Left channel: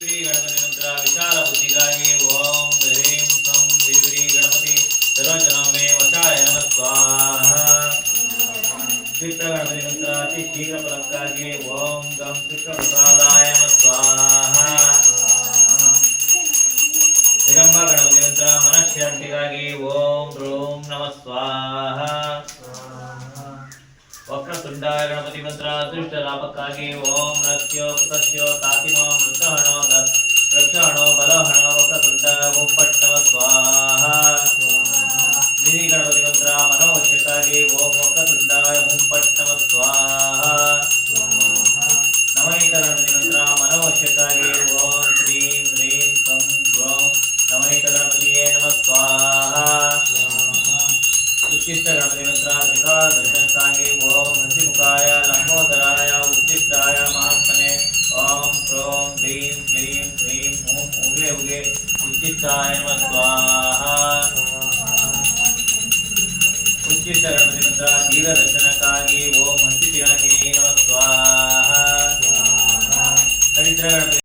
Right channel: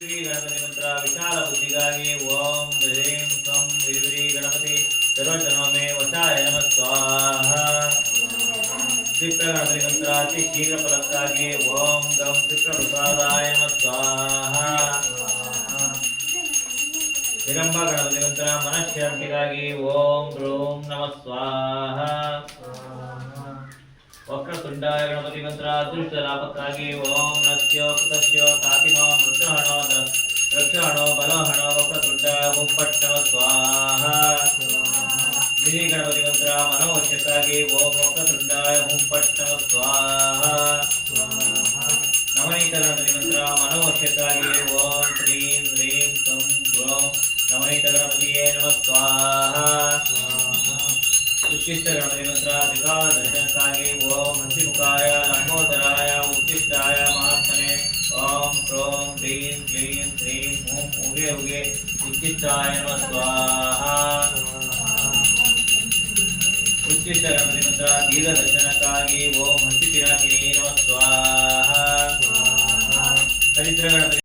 ಶ್ರೀ ಗಣಪತಿ ಮಂತ್ರ ವಿಶಾಲ ಬುದ್ಧಿಗಾಗಿ ಓಂ ಹ್ರೀಂ ಸ್ವಂ ಶ್ರೀ ಗಣಪತಿ ಸರ್ವಜನಮೇ ವಶಾಯ ನಮಃ ಸ್ವಾಹ. ಕ್ಷಿಪ್ರ ಗಣಪತಿ ಮಂತ್ರ ಅತಿ ಶೀಘ್ರ ಫಲಕ್ಕಾಗಿ ಓಂ ಗಂ ಕ್ಷಿಪ್ರ ಪ್ರಸಾದಾಯ ನಮಃ ಸ್ವಾಹ. ಹಿರಂಬ ಗಣಪತಿ ಮಂತ್ರ ಮನಃಶಾಂತಿಗಾಗಿ ಓಂ ರೂಂ ನಮಃ ಸ್ವಾಹ. ವಕ್ರತುಂಡಾಯ ಗಣಪತಿ ಮಂತ್ರ ಅದೃಷ್ಟ ಲಾಭಕ್ಕಾಗಿ ಓಂ ರಸ್ಯೋ ಕೃತಸ್ಯೋ ಕಾತಿಮೋ ಮೃತಹಣೋ ರಕ್ಷಹಣೋ ಬಲಹಣೋ ವಕ್ರತುಂಡ ಗುಂಪಟ್ ನಮಃ ಸ್ವಾಹ. ನಿಧಿ ಗಣಪತಿ ಮಂತ್ರ ಮನೋವಶ್ಯಕ್ಕಾಗಿ ಓಂ ವಕ್ರತುಂಡಾಯ ಗುಂಪಟ್ ನಮಃ ಸ್ವಾಹ. ನವನೀತ ಗಣಪತಿ ಮಂತ್ರ ಮನೋವಶ್ಯಕ್ಕಾಗಿ ಓಂ ಶ್ರೀಂ ಹ್ರೀಂ ಸ್ವಂ ಗ್ರೌಂ ನವನೀತ ಗಣಪತಿಯೇ ನಮಃ ಸ್ವಾಹ. ಉಚ್ಚಿಷ್ಟ ಗಣಪತಿ ಮಂತ್ರ ತ್ರಿಕಾಲ ದರ್ಶನಕ್ಕಾಗಿ ಓಂ ಹಸಿಮುಖಾಯ ಲಂಬೋದರಾಯ ಉಚ್ಚಿಷ್ಟಾಯ ಮಹಾತ್ಮನೆ ಓಂ ಕ್ರೋಂ ಹ್ರೀಂ ಕ್ಲೀಂ ಹ್ರೀಂ ಓಂ ಉಗೆ ಉಗೆ ಉಚ್ಚಿಷ್ಟಾಯ ನಮಃ ಸ್ವಾಹ. ಉಚ್ಚಿಷ್ಟ ಗಣಪತಿ ಮಂತ್ರ ದೀರ್ಘ ದರ್ಶನಕ್ಕಾಗಿ ಓಂ ಹಸಿ ಪಿನಾಕಿನಿ ನಮಃ ಸ್ವಾಹ. ಹರಿದ್ರ ಗಣಪತಿ